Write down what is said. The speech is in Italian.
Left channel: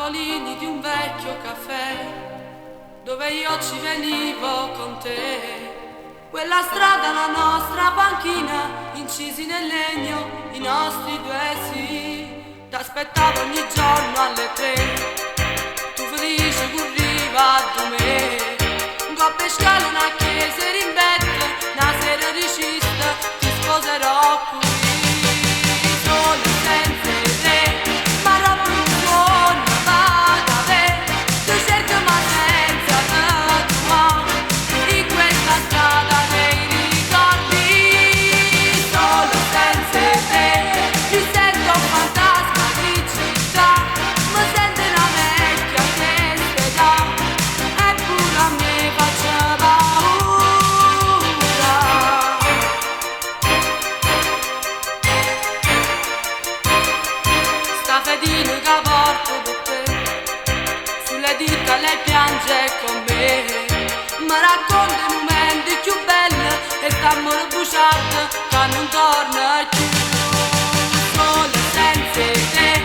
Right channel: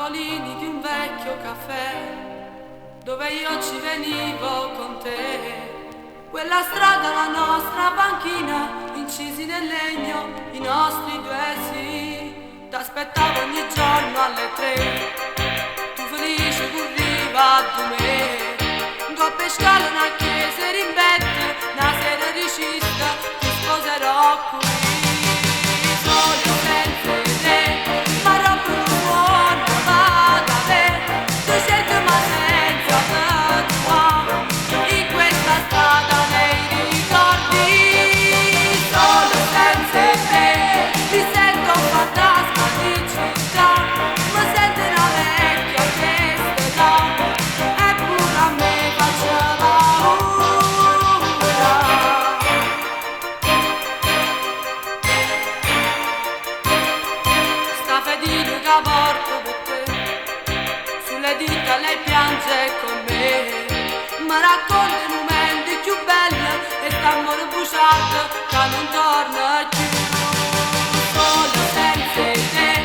tavolini di un vecchio caffè dove io ci venivo con te. Quella strada, la nostra panchina, incisi nel legno, i nostri due sì. T'aspettavo ogni giorno alle 3, tu felice corriva a me. Coppe scale, una chiesa rimbetta, una sera ricista, ti sposerò qui. Solo senza te, ma roba non suona, vada a ve. Tu cerchi ma senza te, tua, in questa strada dei ricordi. Solo senza te, mi sento un fantasma di città, mi sento una vecchia che se dà, eppure a me faccia paura. Sta fedina che porto per te, sulle dita lei piange con me, mi racconta i momenti più belli e st'amore bugiardo che non torna più. Solo senza te